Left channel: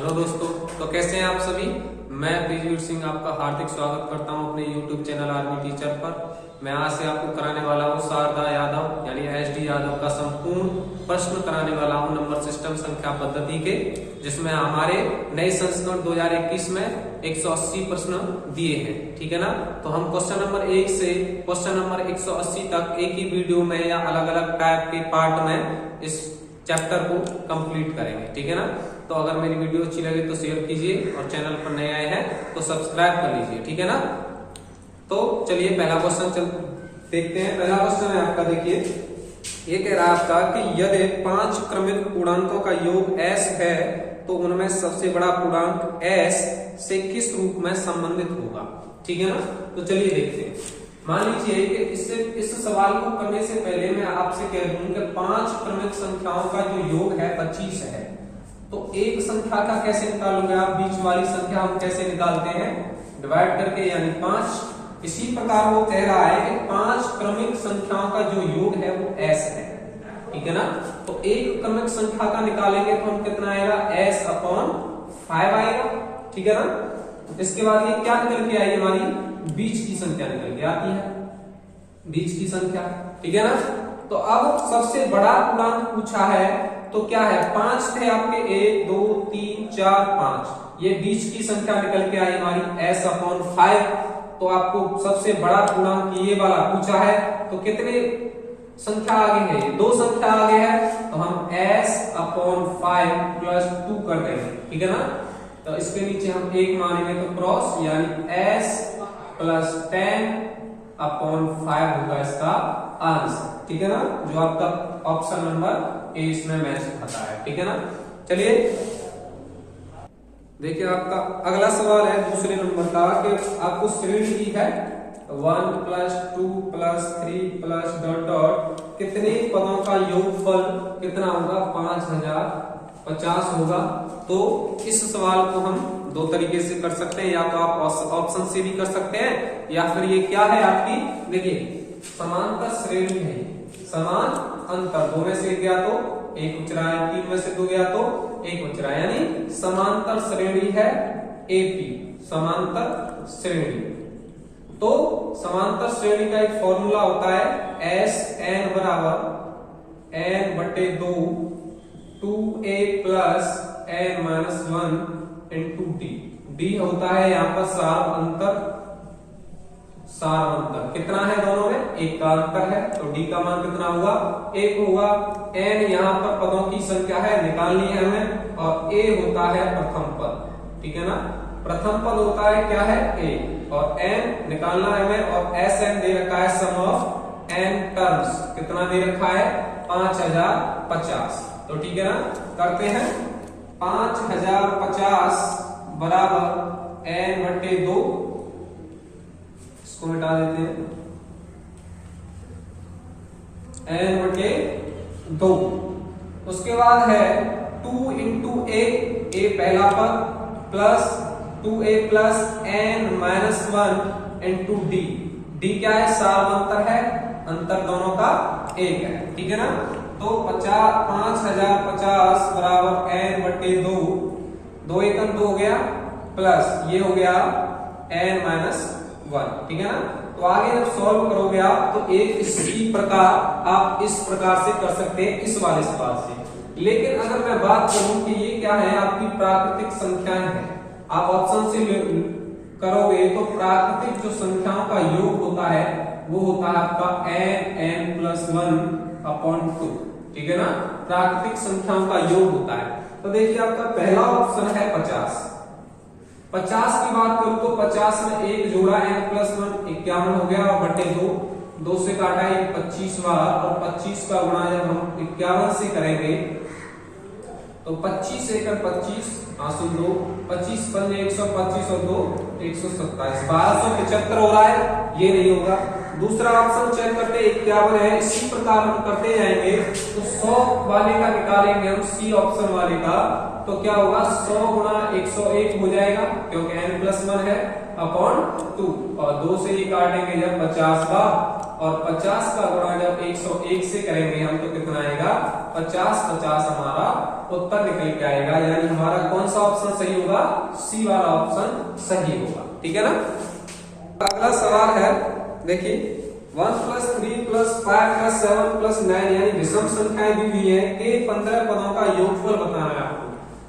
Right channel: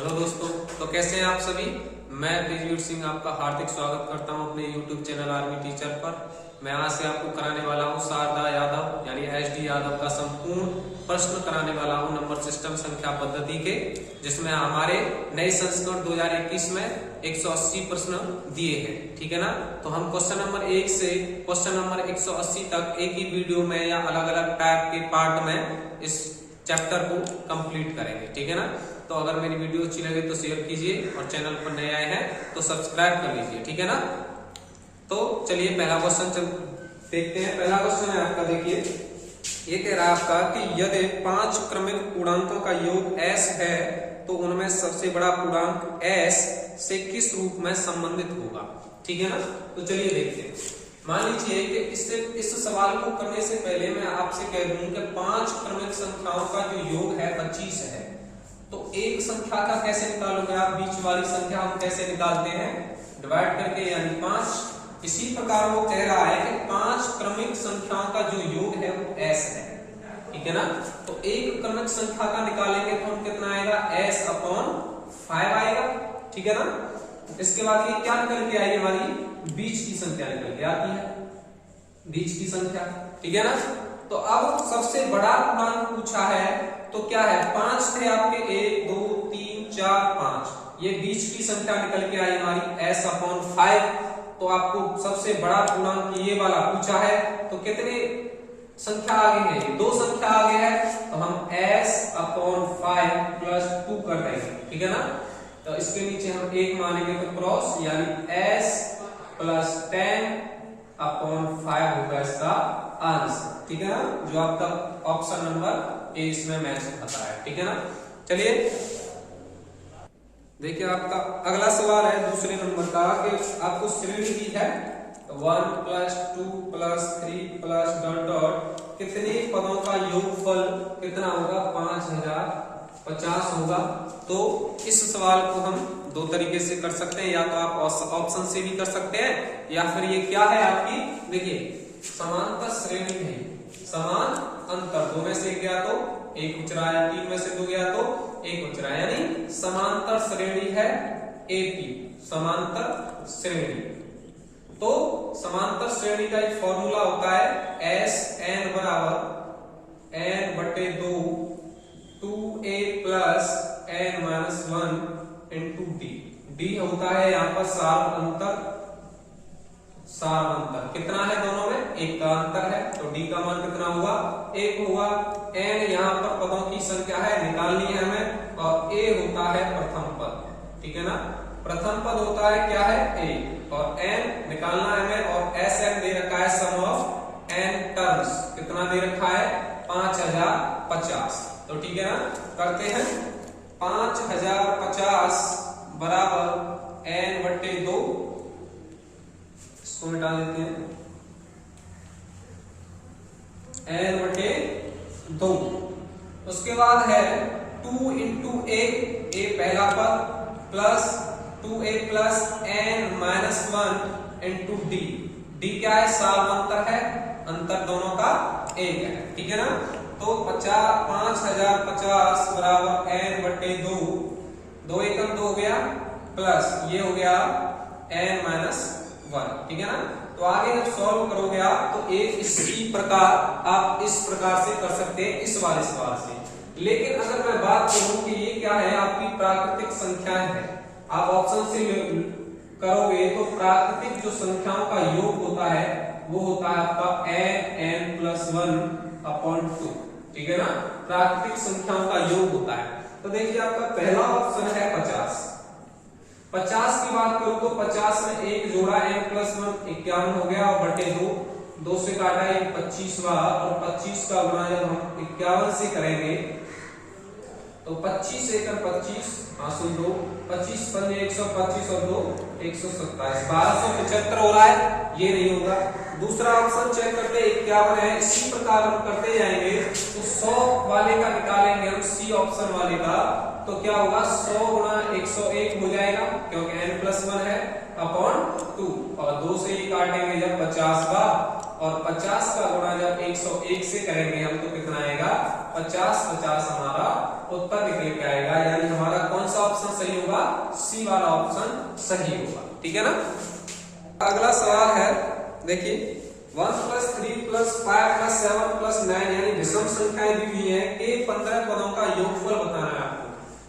Hello दोस्तों, तो कैसे हैं आप सभी। मैं ब्रिजवीर सिंह आपका हार्दिक स्वागत करता हूं अपने YouTube चैनल आर्मी टीचर पर। मैं आज से आपको कराने वाला हूं शारदा यादव यानी SD यादव का संपूर्ण प्रश्न कराने वाला हूं नंबर सिस्टम संख्या पद्धति के, जिसमें हमारे नए संस्करण 2021 में 180 प्रश्न दिए हैं। ठीक है ना। तो हम क्वेश्चन नंबर 1 से क्वेश्चन नंबर 180 तक एक ही वीडियो में या अलग अलग टाइप के पार्ट में इस चैप्टर को कंप्लीट करेंगे। ठीक है ना। तो अगर मेरी वीडियो अच्छी लगे तो शेयर कीजिए और चैनल पर नए आए हैं तो सब्सक्राइब कर लीजिए। ठीक है ना। तो चलिए पहला क्वेश्चन देखते हैं। पहला क्वेश्चन है आपका, देखिए ये कह रहा है आपका कि यदि 5 क्रमिक पूर्णांकों का योग s है तो उनमें सबसे बड़ा पूर्णांक s से किस रूप में संबंधित होगा। ठीक है ना। तो चलिए देखते हैं। मान लीजिए कि इस सवाल को करने से पहले मैं आपसे कह दूं कि 5 क्रमिक संख्याओं का जो योग है 25 है, तो एक संख्या का कैसे निकालोगे आप, बीच वाली संख्या हम कैसे निकालते हैं, डिवाइड करके, यानी 5। इसी प्रकार वो कह रहा है कि 5 क्रमिक संख्याओं का जो योग है वो s है। ठीक है ना। तो एक क्रमिक संख्या का निकालेंगे तो हम कितना आएगा, s/5 आएगा। ठीक है ना। इसके बाद ये क्या निकल के आई, हमारी बीच की संख्या निकल के आती है, बीच की संख्या। ठीक है ना। तो अब सबसे बड़ा पूर्णांक पूछा है तो क्या है, 5 थे आपके, 1 2 3 4 5, ये बीच की संख्या निकल के आई हमारी s/5। तो आपको सबसे बड़ा पूर्णांक ये वाला पूछा है, तो कितने संख्या आगे है, 2 संख्या आगे है, तो हम s/5 + 2 कर देंगे। ठीक है ना। तो इसके नीचे हम 1 मानेंगे तो क्रॉस, यानी s + 10/5 होगा इसका आंसर। ठीक है ना, जो आपका ऑप्शन नंबर ए इसमें मैच खाता है। ठीक है ना। चलिए देखिए आपका अगला सवाल है दूसरे नंबर का, कि आपको श्रेणी दी है 1 + 2 + 3 + कितने पदों का योगफल कितना होगा, 5050 होगा। तो इस सवाल को हम 2 तरीके से कर सकते हैं, या तो आप ऑप्शन से भी कर सकते हैं, या फिर ये क्या है आपकी, देखिए समांतर श्रेणी है, समान अंतर, 2 में से 1 गया तो 1 बच रहा है, 3 में से 2 गया तो 1 बच रहा है, यानी समांतर श्रेणी है AP, समांतर श्रेणी। तो समांतर श्रेणी का एक फॉर्मूला होता है SN = n/2 2A + n-1 × D। D होता है यहाँ पर सार अंतर कितना है दोनों में, 1 का अंतर है, तो D का मान कितना होगा, 1 होगा। n यहाँ पर पदों की संख्या है, निकालनी है हमें, और A होता है प्रथम पद। ठीक है ना। प्रथम पद होता है क्या है, A, और n निकालना है हमें, और SN दे रखा है सम ऑफ n टर्म्स, कितना दे रखा है, 5050। तो ठीक है ना, करते हैं। 5050 = n/2, इसको मिटा देते हैं, n/2। उसके बाद है 2 × A पहला पद, plus 2A + n-1 × D। D क्या है, सामांतर है, अंतर दोनों का 1 है। ठीक है ना। तो 5050 = n/2, 2 × 1 2 हो गया, प्लस ये हो गया n-1। ठीक है ना। तो आगे जब सॉल्व करोगे आप तो एक इसी प्रकार आप इस प्रकार से कर सकते हैं, इस वाले सवाल से। लेकिन अगर मैं बात करूं कि ये क्या है, आपकी प्राकृतिक संख्याएं हैं, आप ऑप्शन से करोगे तो प्राकृतिक जो संख्याओं का योग होता है वो होता है आपका n+1/2। ठीक है ना। प्राकृतिक संख्याओं का योग होता है। तो देखिए आपका पहला ऑप्शन है 50 की बात करूं तो 50 में 1 जोड़ा n+1 51 हो गया, और बटे 2 से काटा 25वां, और 25 का गुणा जब हम 51 से करेंगे तो 25 × 25 सुन 2, 25 × 5 125 और 2 127, 1275 हो रहा है, ये नहीं होगा। दूसरा ऑप्शन चेक करते 51 है, इसी प्रकार हम करते जाएंगे तो 100 वाले का निकालेंगे हम, C ऑप्शन वाले का, तो क्या होगा, 100 × 101 हो जाएगा, क्योंकि n+1 है, /2, और 2 से ही काटेंगे जब 50 का, और 50 का गुणा जब 101 से करेंगे हम तो कितना आएगा 50 50 हमारा उत्तर निकल के आएगा। यानी हमारा कौन सा ऑप्शन सही होगा? सी वाला ऑप्शन सही होगा। ठीक है ना। अगला सवाल है, देखिए 1 + 3 + 5 + 7 + 9 यानी विषम संख्याएं दी हुई है के 15 पदों का योगफल बताना है आपको।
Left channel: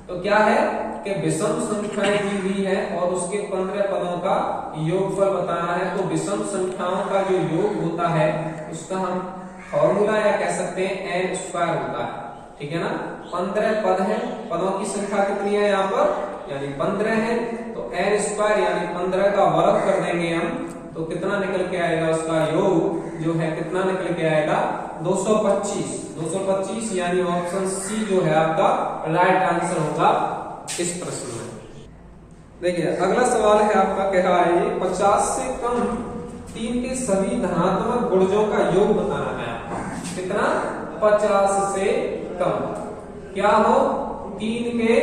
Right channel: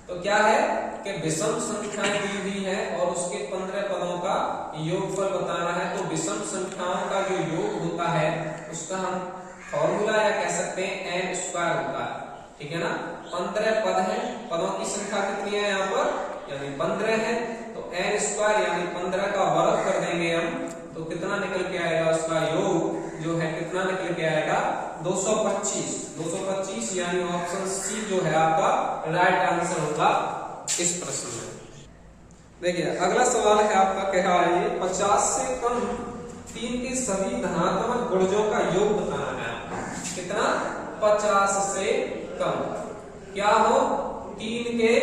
तो क्या है कि विषम संख्याएं दी हुई है और उसके 15 पदों का योगफल बताना है। तो विषम संख्याओं का जो योग होता है उसका हम फॉर्मूला या कह सकते हैं n स्क्वायर होता है। ठीक है ना। 15 पद हैं, पदों की संख्या कितनी है यहाँ पर, यानी 15 है। तो n स्क्वायर यानी 15 का वर्ग कर देंगे हम, तो कितना निकल के आएगा, उसका योग जो है कितना निकल के आएगा, 225। 225 यानी ऑप्शन सी जो है आपका राइट आंसर होगा इस प्रश्न में। देखिए अगला सवाल है आपका, कह रहा है 50 से कम 3 के सभी धनात्मक गुणजों का योग बताना है। कितना? 50 से कम क्या हो, 3 के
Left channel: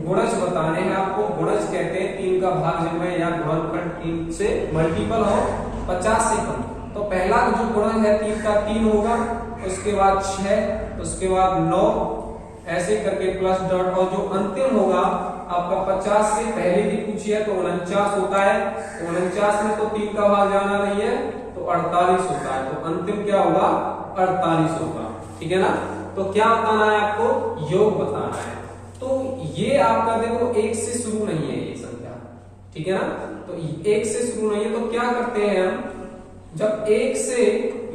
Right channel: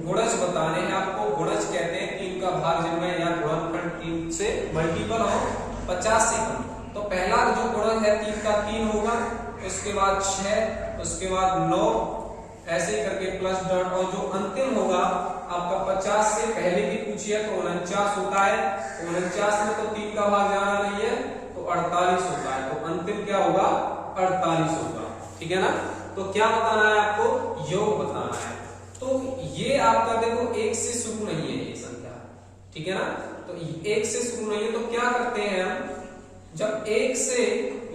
गुणज बताने हैं आपको। गुणज कहते हैं 3 का भाज्य या गुणनखंड 3 से मल्टीपल हो। 50 से कम, तो पहला जो गुणज है 3 का 3 होगा, उसके बाद 6, उसके बाद 9, ऐसे करके प्लस डॉट, और जो अंतिम होगा आपका 50 से पहले भी पूछिए तो 49 होता है। 49 में तो 3 का भाग जाना नहीं है, तो 48 होता है। तो अंतिम क्या होगा, 48 होगा। ठीक है ना। तो क्या बताना है आपको, योग बताना है। तो ये आपका देखो 1 से शुरू नहीं है ये संख्या। ठीक है ना। तो 1 से शुरू नहीं है, तो क्या करते हैं हम, जब 1 से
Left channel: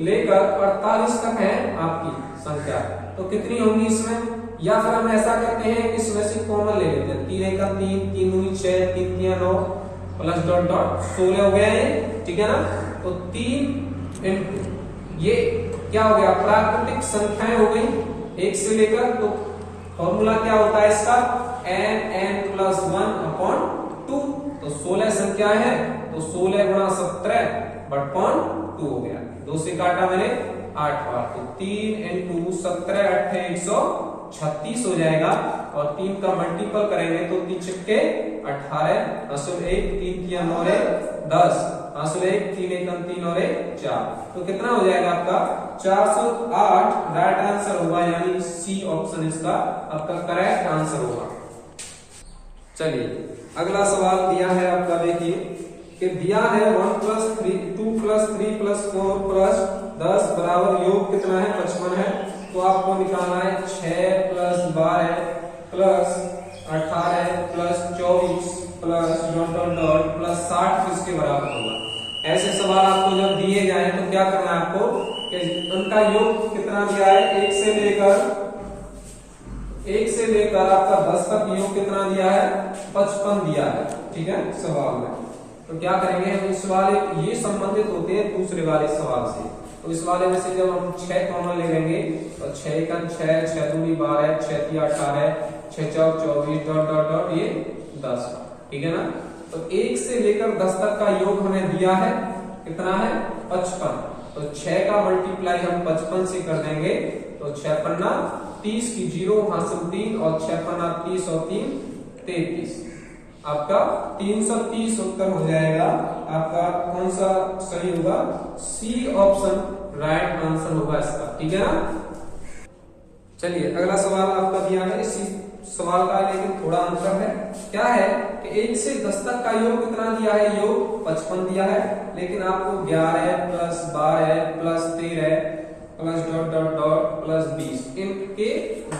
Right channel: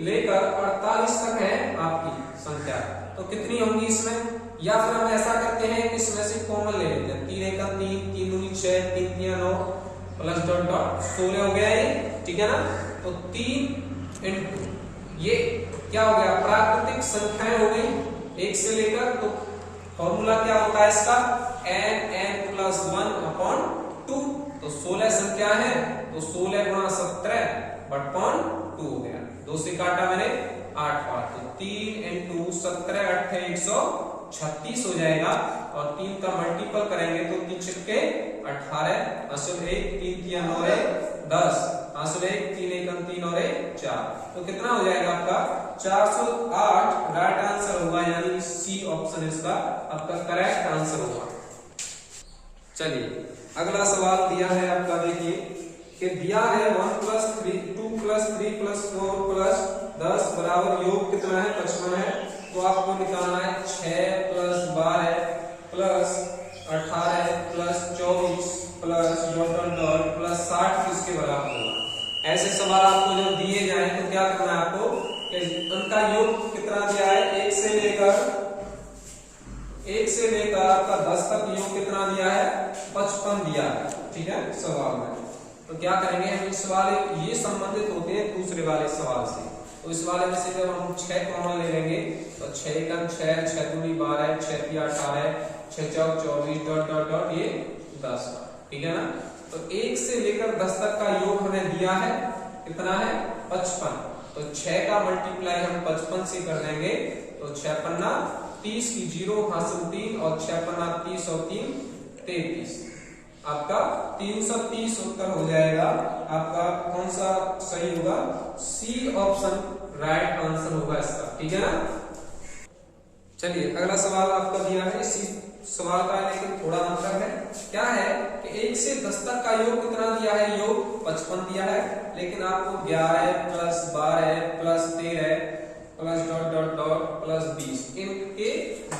लेकर 48 तक है आपकी संख्या, तो कितनी होंगी इसमें, या फिर हम ऐसा करते हैं कि इसमें से कॉमन ले लेते हैं। 3 × 3, 3 × 6, 3 × 9 प्लस डॉट डॉट 16 हो गया ये। ठीक है ना। तो 3 इंटू ये क्या हो गया, प्राकृतिक संख्याएं हो गई 1 से लेकर। तो फॉर्मूला क्या होता है इसका, n + 1/2। तो 16 संख्या है, तो 16 × 17/2 हो गया। 2 से काटा मैंने 8 बार, तो 3 × 17 8 136 हो जाएगा। और 3 का मल्टीपल करेंगे तो 3 छक्के 18, असुल 1, 3 × 9 = 10, असुल 1, 3 × 3 और 4। तो कितना हो जाएगा आपका 408 राइट आंसर होगा, यानी सी ऑप्शन इसका आपका करेक्ट आंसर होगा। चलिए अगला सवाल दिया है आपका, देखिए कि दिया है 1 + 3 2 + 3 + 4 + 10 बराबर योग कितना है, 55 है। तो आपको निकालना है 6 + 12 + 18 + 24 + डॉट + 60 किसके बराबर होगा। ऐसे सवाल आपको जब दिए जाए तो क्या करना है आपको, कि उनका योग कितना दिया है, 1 से लेकर आपका 10 तक योग कितना दिया है, 55 दिया है। ठीक है सवाल में। तो क्या करेंगे हम, इस वाले ये संबंधित होते हैं दूसरे वाले सवाल से। तो इस वाले में से जब हम 6 कॉमन ले लेंगे तो 6 × 6, 6 × 2 12, 6 × 3 18, 6 × 4 24 डॉट डॉट डॉट ये 10। ठीक है ना। तो 1 से लेकर 10 तक का योग हमें दिया है, कितना है, 55। तो 6 का मल्टीप्लाई हम 55 से कर देंगे, तो 6 × 5 30 की 0 हासिल 3, और 6 × 5 30 और 3 33, आपका 330 उत्तर हो जाएगा। आपका कौन सा सही होगा, सी ऑप्शन राइट आंसर होगा इसका। ठीक है ना। चलिए अगला सवाल आपका दिया है, इसी सवाल का लेकिन थोड़ा अंतर है। क्या है कि 1 से 10 तक का योग कितना दिया है, योग 55 दिया है, लेकिन आपको 11 + 12 + 13 + डॉट डॉट डॉट + 20 इनके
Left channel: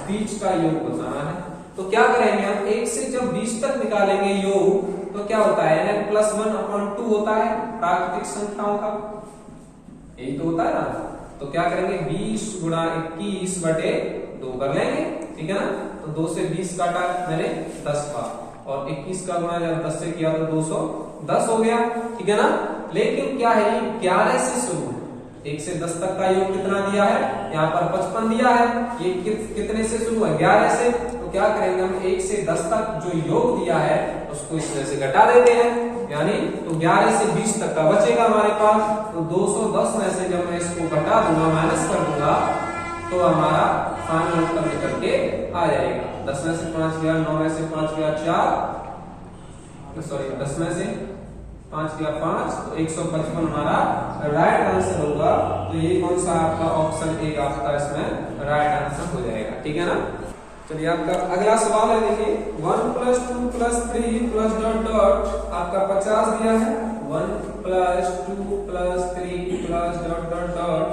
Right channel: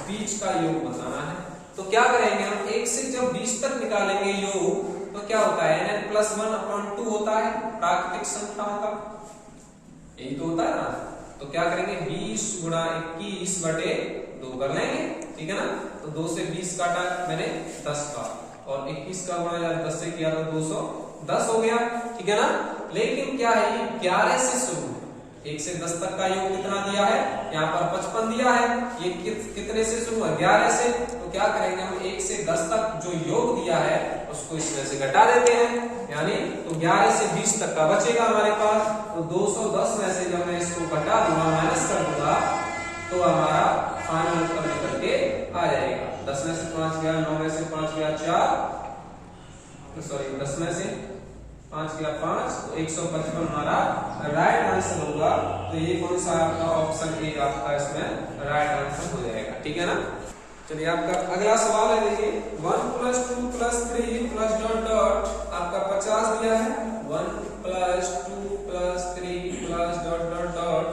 बीच का योग बताना है। तो क्या करेंगे हम, 1 से जब 20 तक निकालेंगे योग, तो क्या होता है, n + 1/2 होता है प्राकृतिक संख्याओं का, यही तो होता है ना। तो क्या करेंगे, 20 × 21/2 कर लेंगे। ठीक है ना। तो 2 से 20 काटा मैंने 10 का, और 21 का गुणा जब 10 से किया तो 210 हो गया। ठीक है ना। लेकिन क्या है, 11 से शुरू, 1 से 10 तक का योग कितना दिया है, यहाँ पर 55 दिया है, ये कितने से शुरू है, 11 से। तो क्या करेंगे हम, 1 से 10 तक जो योग दिया है उसको इसमें से घटा देते हैं, यानी तो 11 से 20 तक का बचेगा हमारे पास। तो 210 में से जब मैं इसको घटा दूंगा, माइनस कर दूंगा, तो हमारा फाइनल आंसर निकल के आ जाएगा। 10 में से 5 गया, 9 में से 5 गया 4, सॉरी 10 में से 5 गया 5, तो 155 हमारा राइट आंसर होगा। तो ये कौन सा आपका ऑप्शन ए आपका इसमें राइट आंसर हो जाएगा। ठीक है ना। चलिए आपका अगला सवाल है, देखिए 1 + 2 + 3 + डॉट डॉट आपका 50 दिया है। 1 + 2 + 3 + डॉट डॉट डॉट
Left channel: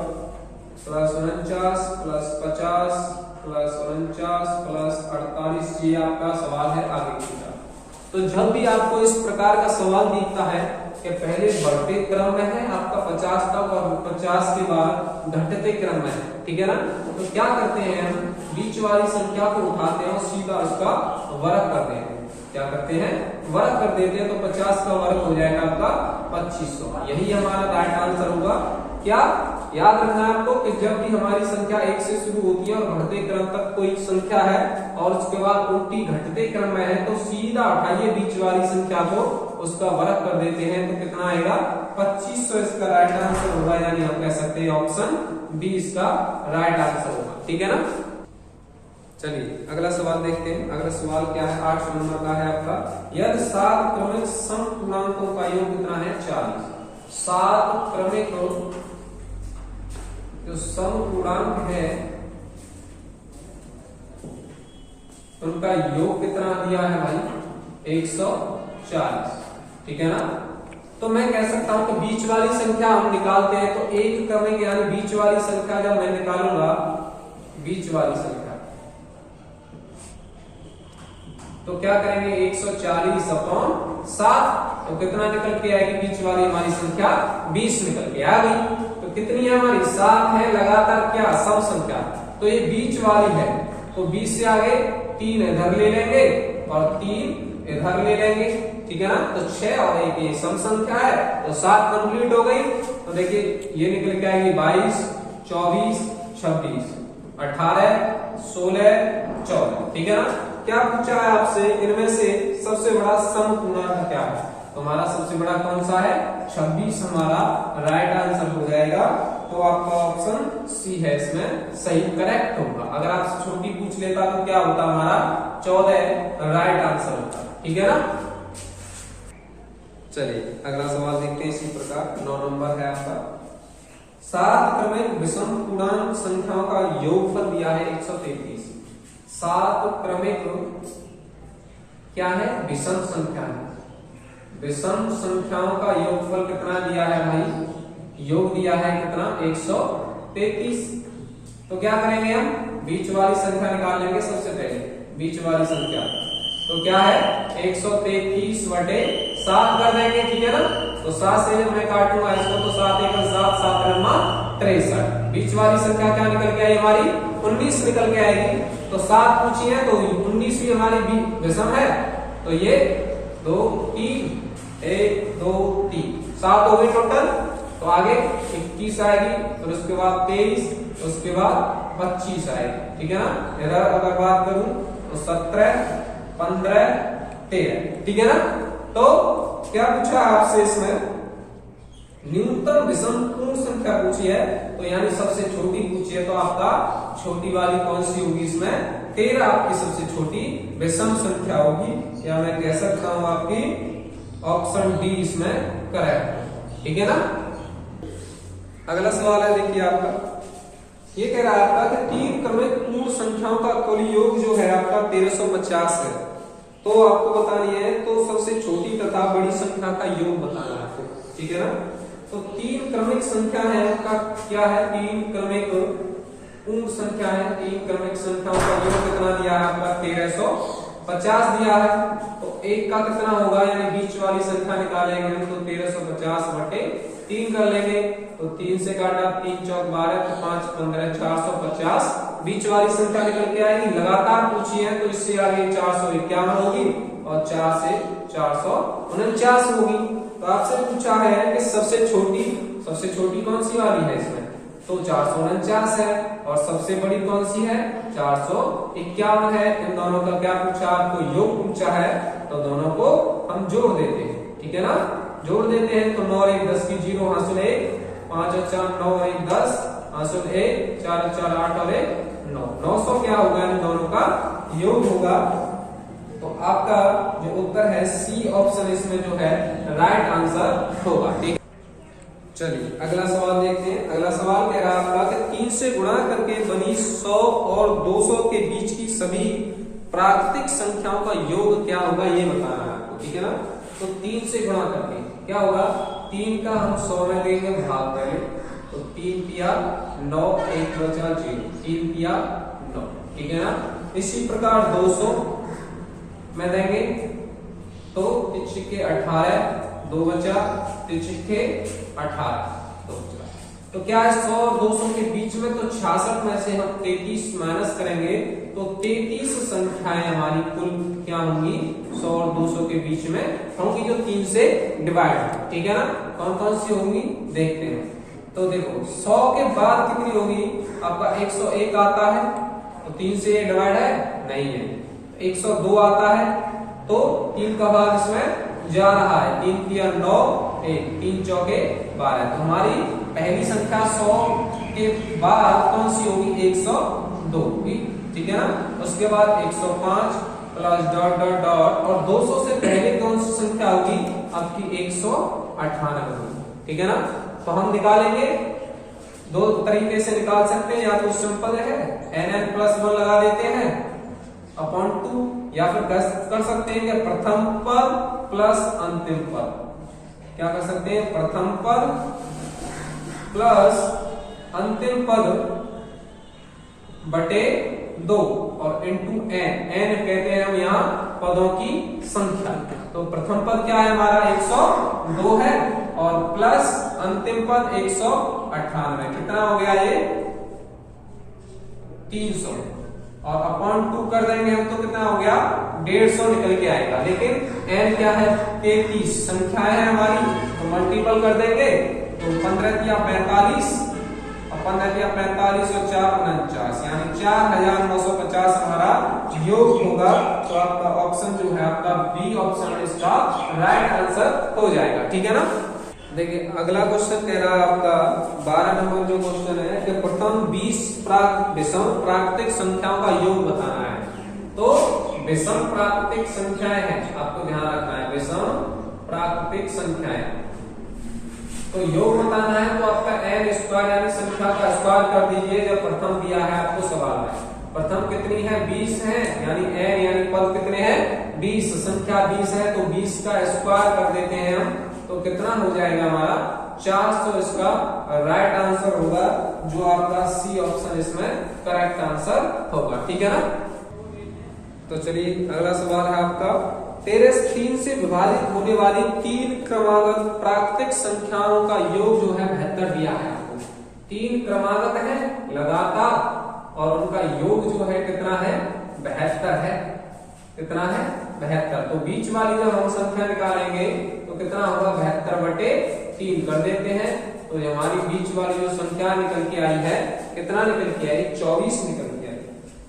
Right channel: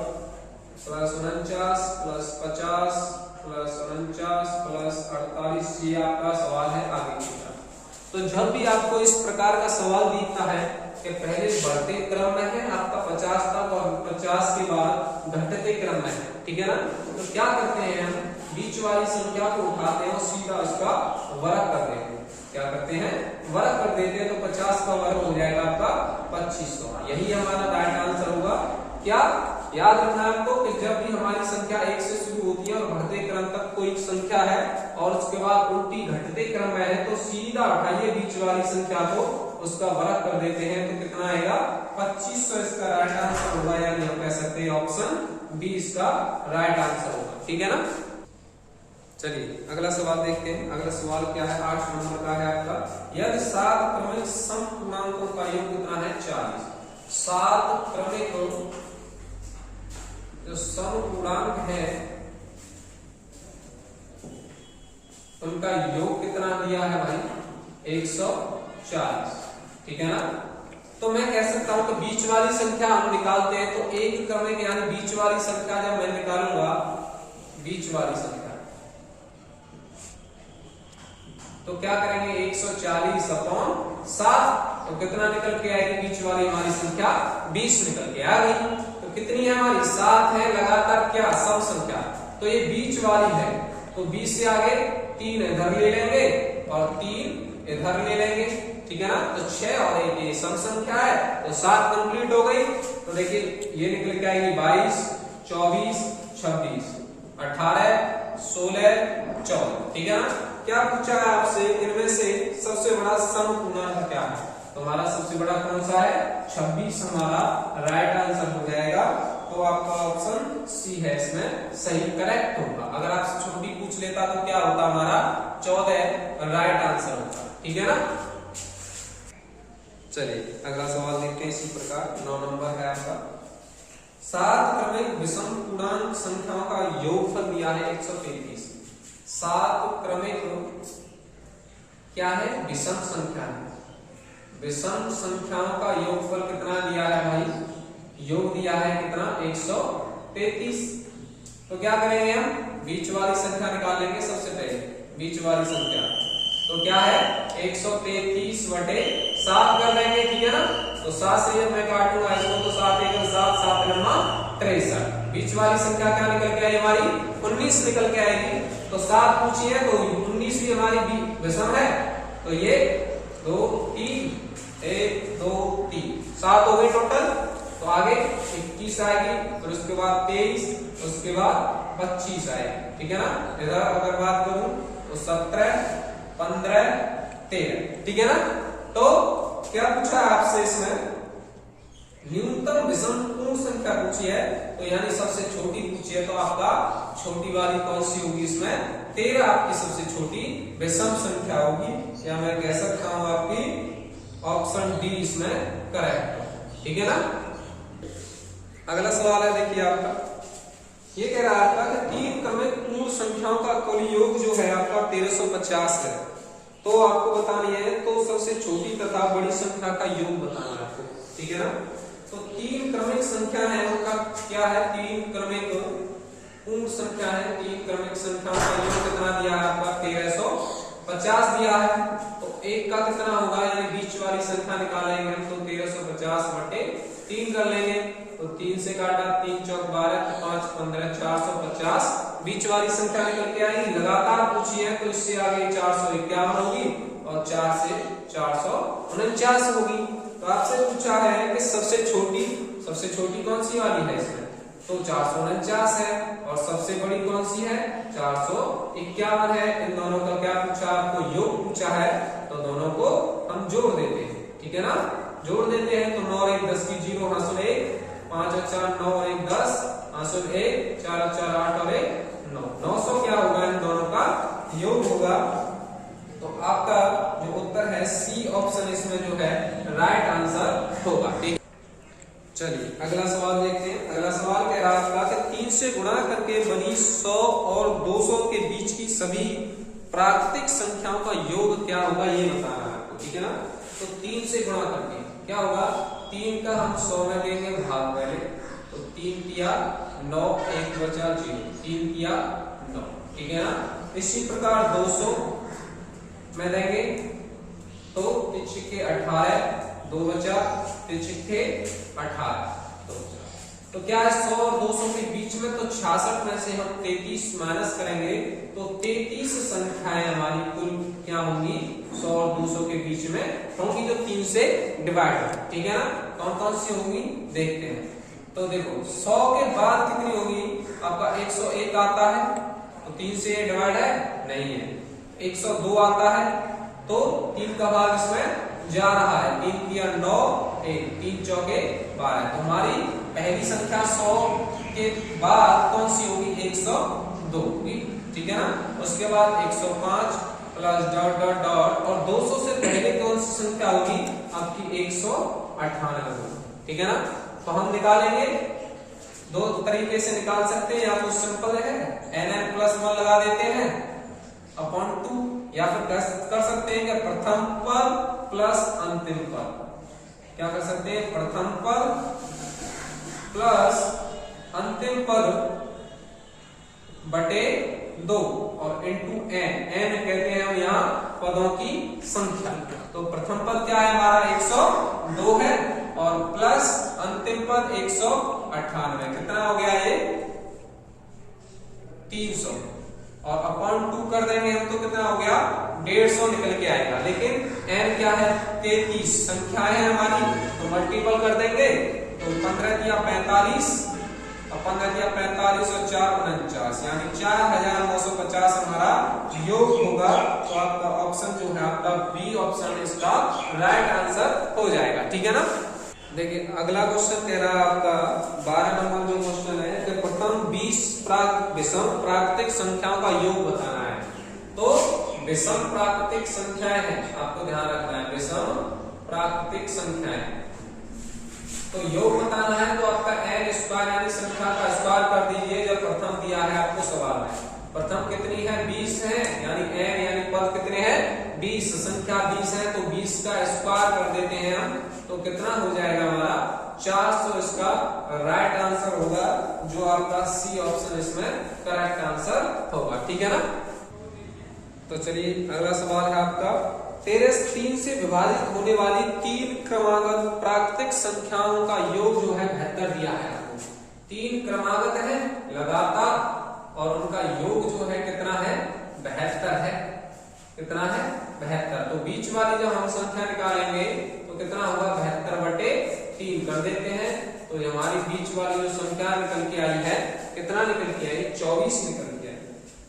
+49 + 50 + 49 + 48, ये आपका सवाल है आगे की तरफ। तो जब भी आपको इस प्रकार का सवाल दिखता है कि पहले बढ़ते क्रम में है आपका 50 तक और 50 के बाद घटते क्रम में है, ठीक है ना, तो क्या करते हैं हम बीच वाली संख्या को उठाते हैं और सीधा उसका वर्ग कर देते हैं। क्या करते हैं, वर्ग कर देते हैं, तो 50 का वर्ग हो जाएगा आपका 2500। यही हमारा राइट आंसर होगा। क्या याद रखना है आपको कि जब भी हमारी संख्या 1 से शुरू होती है और बढ़ते क्रम तक कोई संख्या है और उसके बाद उल्टी घटते क्रम में है, तो सीधा उठाइए बीच वाली संख्या को, उसका वर्ग कर देते हैं, तो कितना आएगा 2500 इसका राइट आंसर होगा। यानी हम कह सकते हैं ऑप्शन बी इसका राइट आंसर होगा, ठीक है ना। चलिए अगला सवाल देखते हैं। अगला सवाल क्या है, 8 नंबर का है आपका, यदि 7 क्रमिक समपूर्णांकों का योग कितना है 40। 7 क्रमिक जो समपूर्णांक है उनका योग कितना दिया है भाई 140, ठीक है ना। तो मैं कह सकता हूं कि बीच वाली संख्या हम निकालते हैं, तो एक क्रमिक यानी बीच वाली संख्या जब मैं निकालूंगा, बीच वाली संख्या तो क्या करेंगे 140/7, तो कितना निकल के आएगी बीच वाली हमारी संख्या 20 निकल के आ गई। तो कितनी है हमारी 7 है लगातार क्या सब संख्या, तो ये बीच वाली है, तो 20 से आगे 3 इधर ले लेंगे और 3 इधर ले लेंगे, ठीक है ना। तो 6 और 1 ये सम संख्या है, तो 7 कंप्लीट हो गई। तो देखिए ये निकल के आएगी 22, 24, 26, 18, 16, 14, ठीक है ना। क्या पूछा है आपसे, इनमें से सबसे बड़ा समपूर्णांक क्या है, तो हमारा सबसे बड़ा कौन सा है 26 हमारा राइट आंसर हो जाएगा। तो आपका ऑप्शन सी है इसमें सही करेक्ट होगा। अगर आपसे छोटी पूछ लेता तो क्या होता हमारा 14 राइट आंसर होता, ठीक है ना। चलिए अगला सवाल देखते हैं इसी प्रकार। 9 नंबर है आपका, 7 क्रमिक विषम पूर्णांक संख्याओं का योगफल दिया है 133। 7 क्रमिक क्या है विषम संख्या है, विषम संख्याओं का योगफल कितना दिया है भाई, योग दिया है कितना 133। तो क्या करेंगे हम बीच वाली संख्या निकाल लेंगे सबसे पहले, बीच वाली संख्या तो क्या है 133/7 कर देंगे, ठीक है ना। तो 7 से मैं काटूंगा इसको, तो 7 × 7, 7 × 63। बीच वाली संख्या क्या निकल के आई हमारी 19 निकल के आएगी। तो 7 पूछी है तो 19 भी हमारी विषम है, तो ये 2 3 1 2 3 7 हो गई टोटल। तो आगे 21 आएगी, फिर उसके बाद 23, उसके बाद 25 आएगी, ठीक है ना। इधर अगर बात करूं तो 17 15 13, ठीक है ना। तो क्या पूछा आपसे इसमें न्यूनतम विषम पूर्ण संख्या पूछी है, तो यानी सबसे छोटी पूछी है, तो आपका छोटी वाली कौन सी होगी इसमें 13 आपकी सबसे छोटी विषम संख्या होगी, या मैं कह सकता हूं आपकी ऑप्शन डी इसमें करेक्ट, ठीक है ना। अगला सवाल है देखिए आपका, ये कह रहा है आपका कि 3 क्रमिक पूर्ण संख्याओं का कुल योग जो है आपका 1350 है, तो आपको बतानी है, तो सबसे छोटी तथा बड़ी संख्या का योग बताना है आपको, ठीक है ना। तो 3 क्रमिक संख्या है उनका क्या है, 3 क्रमिक पूर्ण संख्या है, 3 क्रमिक संख्याओं का योग कितना दिया है आपका 1350 दिया है। तो एक का कितना होगा, यानी बीच वाली संख्या निकालेंगे हम, तो 1350/3 कर लेंगे। तो 3 से काटा 3 चौक 12, 5 15 450, बीच वाली संख्या निकल के आएगी। लगातार पूछी है तो इससे आगे 451 होगी और 4 से 449 होगी। तो आपसे पूछा है कि सबसे छोटी कौन सी वाली है इसमें, तो 449 है, और सबसे बड़ी कौन सी है 451 है। इन दोनों का क्या पूछा, आपको योग पूछा है, तो दोनों को हम जोड़ देते हैं, ठीक है ना। जोड़ देते हैं तो 9 और 1 10 की 0 हासिल 1, 5 और 4 9 और 1 10 हासिल 1, 4 और 4 8 और 1 9, 900 क्या होगा, इन दोनों का योग होगा। तो आपका जो उत्तर है सी ऑप्शन इसमें जो है राइट आंसर होगा, ठीक। चलिए अगला सवाल देखते हैं। अगला सवाल कह रहा है आपका कि 3 से गुणा करके बनी 100 और 200 के बीच की सभी प्राकृतिक संख्याओं का योग क्या होगा, ये बताना है आपको, ठीक है ना। तो 3 से गुणा करके क्या होगा, 3 का हम 100 में देंगे भाग पहले, तो 3 तिया 9, 1 बचा 0, 3 तिया 9, ठीक है ना। इसी प्रकार 200 में देंगे तो 3 छिक्के 18, 2 बचा, 3 छिक्के 18, तो क्या है 100 और 200 के बीच में, तो 66 में से हम 33 माइनस करेंगे तो 33 संख्याएं हमारी कुल क्या होंगी 100 और 200 के बीच में होंगी, जो 3 से डिवाइड है, ठीक है ना। कौन कौन सी होंगी देखते हैं। तो देखो 100 के बाद कितनी होगी, आपका 101 आता है, तो 3 से डिवाइड है नहीं है। 102 आता है तो 3 का भाग इसमें जा रहा है, 3 तिया 9, 1, 3 चौके 12, तो हमारी पहली संख्या 100 के बाद कौन सी होगी 102, ठीक है ना। उसके बाद 105 प्लस डॉट डॉट डॉट, और 200 से पहले कौन सी संख्या होगी आपकी 198 होगी, ठीक है ना। तो हम निकालेंगे, दो तरीके से निकाल सकते हैं, या तो सिंपल है nn+1 लगा देते हैं अपॉन 2, या फिर कर सकते हैं कि प्रथम पद प्लस अंतिम पद, क्या कर सकते हैं, प्रथम पद प्लस अंतिम पद बटे 2 और इनटू n कहते हैं हम यहाँ पदों की संख्या। तो प्रथम पद क्या है हमारा 102 है, और प्लस अंतिम पद 198, कितना हो गया ये 300, और अपॉन 2 कर देंगे हम तो कितना हो गया 150 निकल के आएगा। लेकिन n क्या है 33 संख्या है हमारी, तो मल्टीपल कर देंगे, तो 15 तिया 45, और 15 तिया 45 और 4 49, यानी 4950 हमारा योग होगा। तो आपका ऑप्शन जो है आपका बी ऑप्शन इसका राइट आंसर हो जाएगा, ठीक है ना। देखिए अगला क्वेश्चन कह रहा है आपका 12 नंबर जो क्वेश्चन है कि प्रथम 20 विषम प्राकृतिक संख्याओं का योग बताना है। तो विषम प्राकृतिक संख्याएं हैं, आपको ध्यान रखना है, विषम प्राकृतिक संख्याएं, तो योग बताना है तो आपका n स्क्वायर यानी संख्या का स्क्वायर कर दीजिए, जब प्रथम दिया है आपको सवाल में। प्रथम कितनी है 20 है, यानी n यानी पद कितने हैं 20, संख्या 20 है, तो 20 का स्क्वायर कर देते हैं हम, तो कितना हो जाएगा हमारा 400, इसका राइट आंसर होगा, जो आपका सी ऑप्शन इसमें करेक्ट आंसर होगा, ठीक है ना। तो चलिए अगला सवाल है आपका, तेरे 3 से विभाजित होने वाली 3 क्रमागत प्राकृतिक संख्याओं का योग जो है 72 दिया है आपको। 3 क्रमागत है लगातार, और उनका योग जो है कितना है 72 है, कितना है 72। तो बीच वाली जब हम संख्या निकालेंगे तो कितना होगा 72 बटे 3 कर देते हैं, तो हमारी बीच वाली जो संख्या निकल के आई है कितना निकल के आई 24 निकल के आई।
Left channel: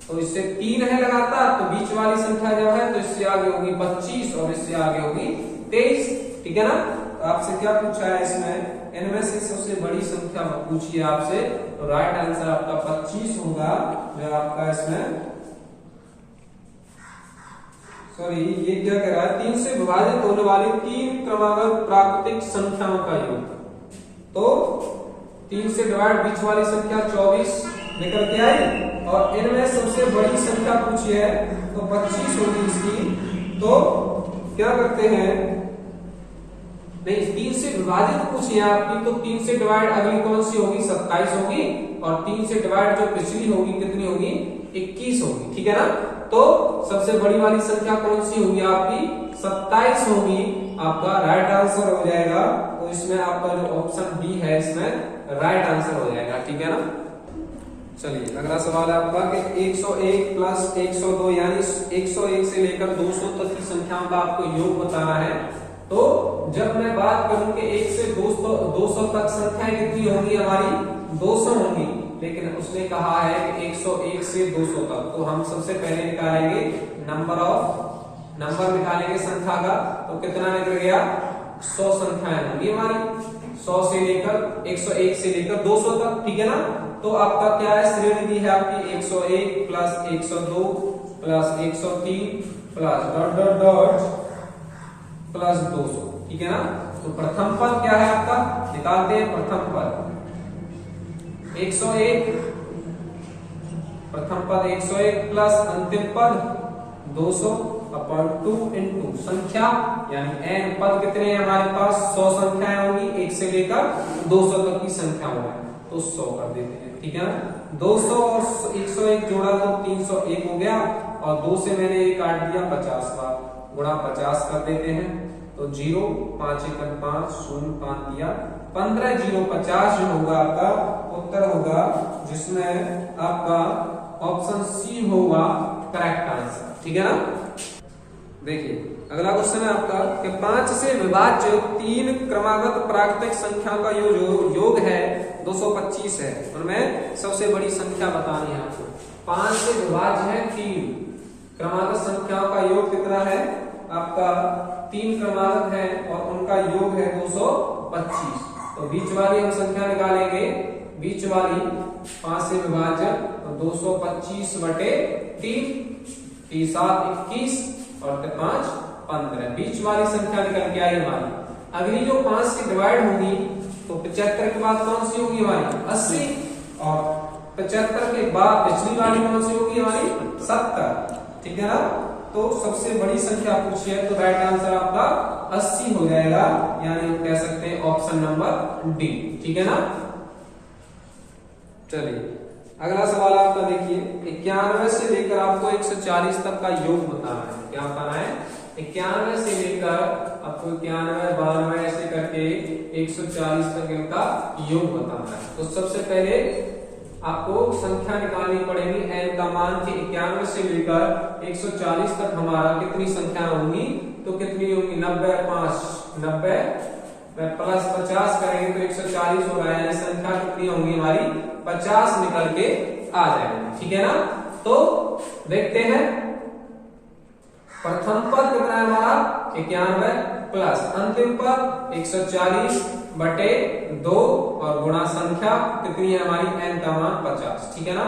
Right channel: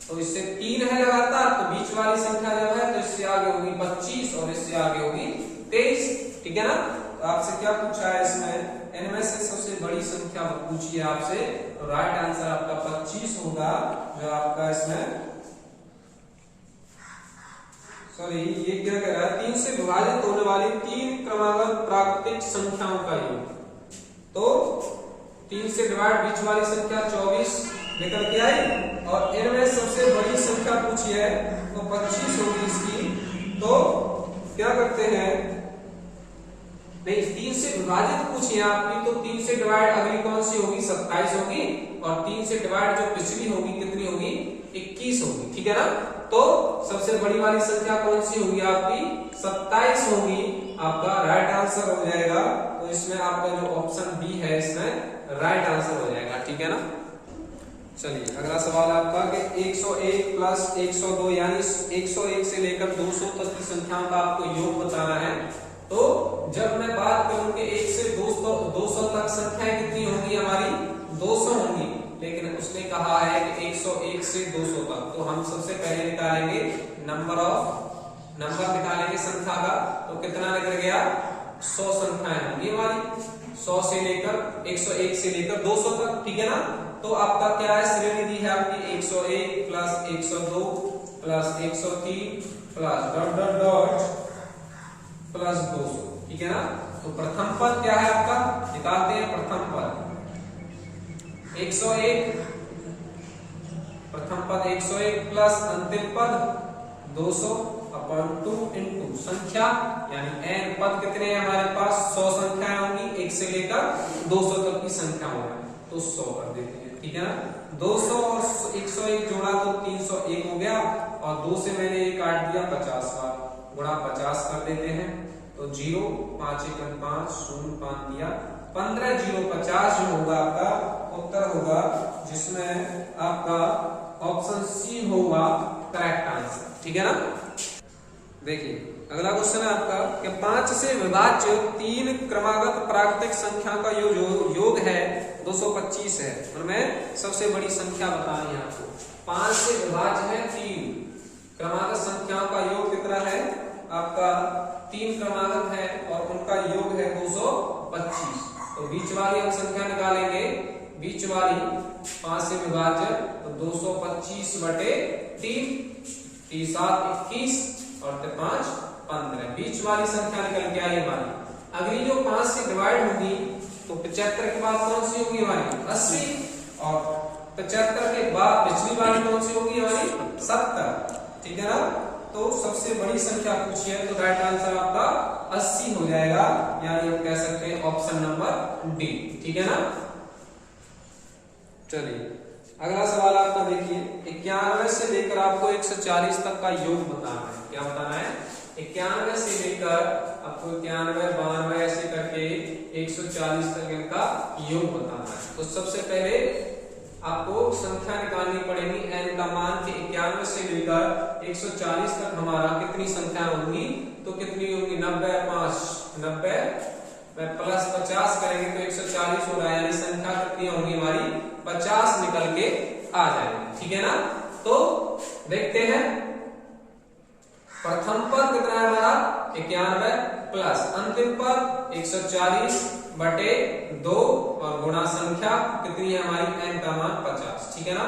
तो इससे 3 है लगातार, तो बीच वाली संख्या जो है तो इससे आगे होगी 25 और इससे आगे होगी 23, ठीक है ना। तो आपसे क्या पूछा है इसमें, इनमें से सबसे बड़ी संख्या पूछी है आपसे, तो राइट आंसर आपका 25 होगा, जो आपका इसमें सॉरी ये क्या कह रहा है 3 से विभाजित होने वाली 3 क्रमागत प्राकृतिक संख्याओं का योग। तो 3 से डिवाइड बीच वाली संख्या 24 निकल के आई, और इनमें सबसे बड़ी संख्या पूछी है तो 25 होगी इसकी। तो क्या करते हैं, नहीं 3 से विभाजित पूछी है आपकी, तो 3 से डिवाइड अगली कौन सी होगी 27 होगी, और 3 से डिवाइड जो पिछली होगी कितनी होगी 21 होगी, ठीक है ना। तो सबसे बड़ी वाली संख्या कौन सी होगी आपकी 27 होगी, आपका राइट आंसर हो जाएगा। तो इसमें आपका जो ऑप्शन बी है इसमें राइट आंसर हो जाएगा, ठीक है ना। चलिए अगला सवाल है आपका कि 101 प्लस 102 यानी 101 से लेकर 200 तक की संख्याओं का आपको योग बताना है। तो जब मैं बात करूं कि 1 से 200 तक संख्याएं कितनी होंगी हमारी 200 होंगी, लेकिन उसने कहा है कि 101 से 200 तक, तो हम सबसे पहले निकालेंगे नंबर निकालेंगे संख्या का, तो कितना निकल गया 100 संख्याएं होंगी हमारी, 100 से लेकर 101 से लेकर 200 तक, ठीक है ना। तो आपका क्या है श्रेणी है आपकी 101 plus 102 plus 103 plus dot dot dot plus 200, ठीक है ना। तो प्रथम पद क्या है आपका, निकालते हैं प्रथम पद 101, प्रथम पद 101 प्लस अंतिम पद 200/2 इंटू संख्या, यानी n पद कितने हैं हमारे पास, 100 संख्याएं होंगी, 1 से लेकर 200 तक की संख्या होगी, तो 100 कर देते हैं, ठीक है ना। 200 और 101 जोड़ा तो 301 हो गया, और 2 से मैंने ये काट दिया 50 बार, गुणा 50 कर देते हैं, तो 0 5 1 5 0 5 दिया, 15 0 50 जो होगा आपका उत्तर होगा, जिसमें आपका ऑप्शन सी होगा करेक्ट आंसर, ठीक है ना। देखिए अगला क्वेश्चन है आपका कि 5 से विभाज्य 3 क्रमागत प्राकृतिक संख्या का योग है 225 है, उनमें सबसे बड़ी संख्या बतानी है आपको। 5 से विभाज्य है 3 क्रमागत संख्याओं का योग कितना है आपका, 3 क्रमागत है और उनका योग है 225, तो बीच वाली हम संख्या निकालेंगे, बीच वाली 5 से विभाज्य, तो 225/3, 7 21 और 5 15, बीच वाली संख्या निकल के आई हमारी। अगली जो 5 से डिवाइड होगी तो 75 के बाद कौन सी होगी हमारी 80, और 75 के बाद पिछली वाली कौन सी होगी हमारी 70, ठीक है ना। तो सबसे बड़ी संख्या पूछी है, तो राइट आंसर आपका 80 हो जाएगा, यानी हम कह सकते हैं ऑप्शन नंबर डी, ठीक है ना। चलिए अगला सवाल आपका देखिए, 91 से लेकर आपको 140 तक का योग बताना है। क्या बताना है, 91 से लेकर आपको 91 92 ऐसे करके 140 तक इनका योग बताना है। तो सबसे पहले आपको संख्या निकालनी पड़ेगी, n का मान के 91 से लेकर 140 तक हमारा कितनी संख्या होंगी, तो कितनी होंगी 90 5 90 प्लस 50 करेंगे तो 140 होगा, यानी संख्या कितनी होंगी हमारी 50 निकल के आ जाएगा, ठीक है ना। तो देखते हैं प्रथम पद कितना है हमारा 91 प्लस अंतिम पद 140/2 और गुणा संख्या कितनी है हमारी n का मान 50, ठीक है ना।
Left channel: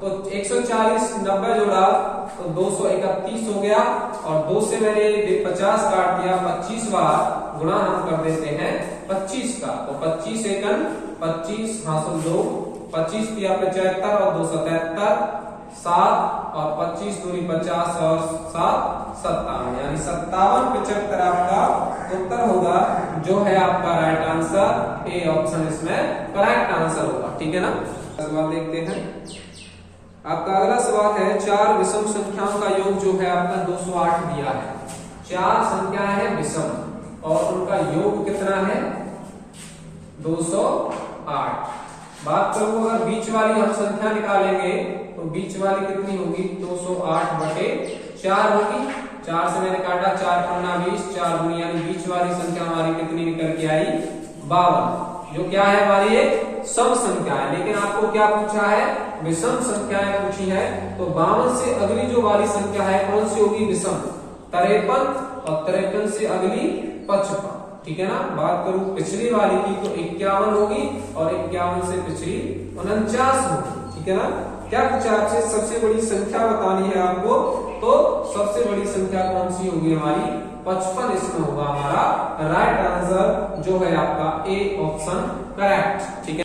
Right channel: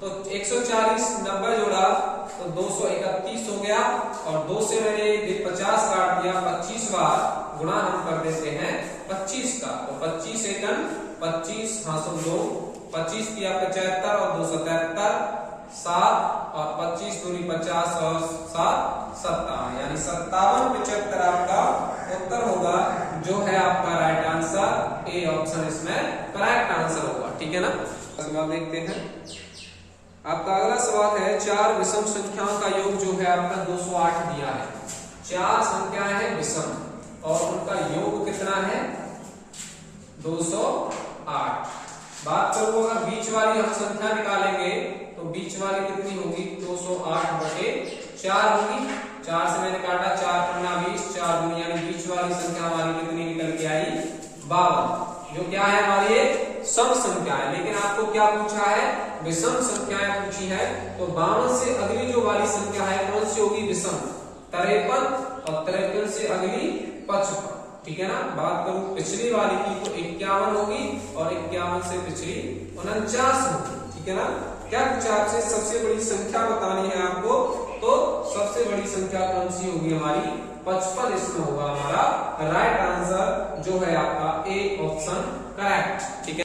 तो 140 90 जोड़ा तो 231 हो गया, और 2 से मैंने 50 काट दिया, 25 बार गुणा हम कर देते हैं 25 का, तो 25 एकन 25 हासिल 2, 25 दिया 75 और 2 77 7 और 25 दूरी 50 और 7 57, यानी 57 75 आपका उत्तर होगा, जो है आपका राइट आंसर ए ऑप्शन इसमें करेक्ट आंसर होगा, ठीक है ना। सवाल देखते हैं आपका अगला सवाल है, 4 विषम संख्याओं का योग जो है आपका 208 दिया है। 4 संख्या है विषम और उनका योग कितना है 208। बात करूं अगर बीच वाली हम संख्या निकालेंगे तो बीच वाली कितनी होगी 208/4 होगी, 4 से मैंने काटा 4 पन्ना 20, 4 दूनी, यानी बीच वाली संख्या हमारी कितनी निकल के आई 52, जो क्या है हमारी एक सम संख्या है। लेकिन आपको क्या पूछा है, विषम संख्याएं पूछी है, तो 52 से अगली जो वाली संख्या है कौन सी होगी विषम, 53, और 53 से अगली 55, ठीक है ना। बात करूं पिछली वाली की तो 51 होगी, और 51 से पिछली 49 होगी, ठीक है ना। क्या पूछा आपसे, सबसे बड़ी संख्या बतानी है आपको, तो सबसे बड़ी संख्या कौन सी होगी हमारी 55 इसमें होगा हमारा राइट आंसर, जो है आपका ए ऑप्शन करेक्ट, ठीक है।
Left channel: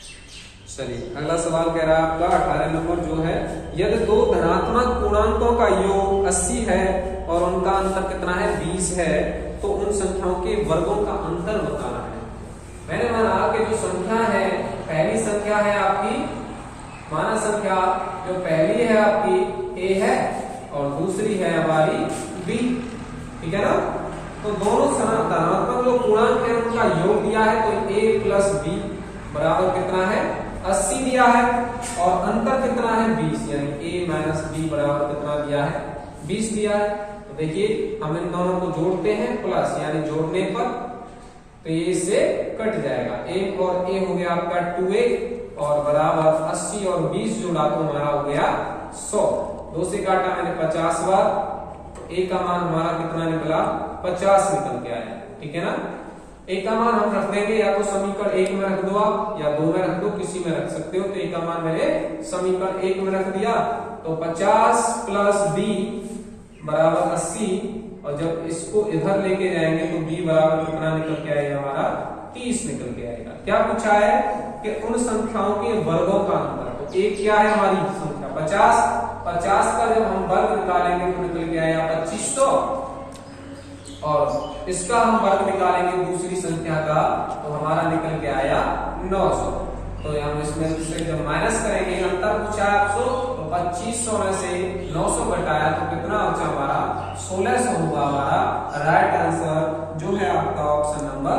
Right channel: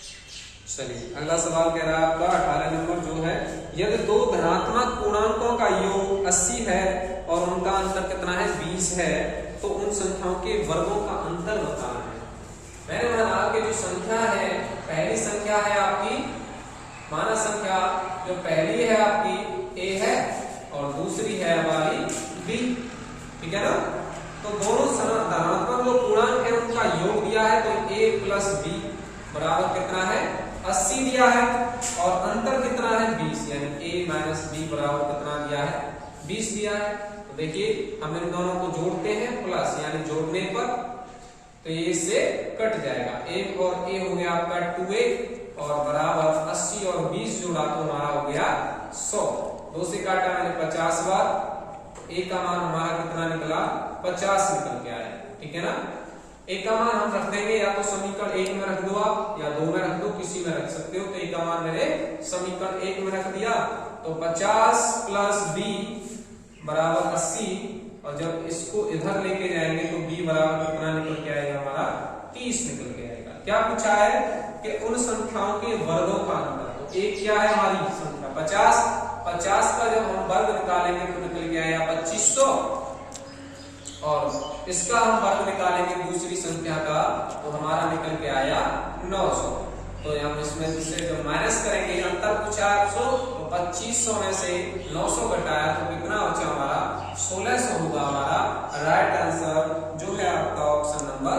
चलिए अगला सवाल कह रहा है आपका 18 नंबर जो है, यदि 2 धनात्मक पूर्णांकों का योग 80 है और उनका अंतर कितना है 20 है, तो उन संख्याओं के वर्गों का अंतर बताना है। मैंने माना कि जो संख्या है, पहली संख्या है आपकी माना संख्या, जो पहली है आपकी ए है और दूसरी है हमारी बी, ठीक है ना। तो दोनों धनात्मक जो पूर्णांक है उनका योग दिया है, तो ए प्लस बी बराबर कितना है 80 दिया है, और अंतर कितना है 20, यानी a माइनस बी बराबर कितना दिया है 20 दिया है। तो देखिए हम इन दोनों को जोड़ते हैं, प्लस यानी जोड़ने पर तो ये इससे कट जाएगा, a और a हो गया आपका 2a, और बराबर 80 और 20 जोड़ा तो हमारा हो गया 100, 2 से काटा मैंने 50 बार, तो a का मान हमारा कितना निकला 50 निकल के आया, ठीक है ना। ए का मान हम रख देंगे, या तो समीकरण 1 में रख दो आप, या 2 में रख दो, किसी में रख सकते हो। तो ए का मान मैंने समीकरण 1 में रख दिया, तो 50 प्लस बी बराबर 80, और जब इसको इधर लेके जाएंगे तो b बराबर कितना निकल के आएगा हमारा 30 निकल के आएगा। क्या पूछा है कि उन संख्याओं के वर्गों का अंतर। तो एक क्या है हमारी संख्या 50 का जब हम वर्ग निकालेंगे तो निकल के आएगा 2500 और इसका हम वर्ग निकालेंगे दूसरी संख्या का तो हमारा निकल के आया 900। तो हम इसमें से जब माइनस करेंगे अंतर पूछा 100 तो 2500 में से 900 घटाया तो कितना बचा हमारा 1600 होगा हमारा राइट आंसर जो है आपका option number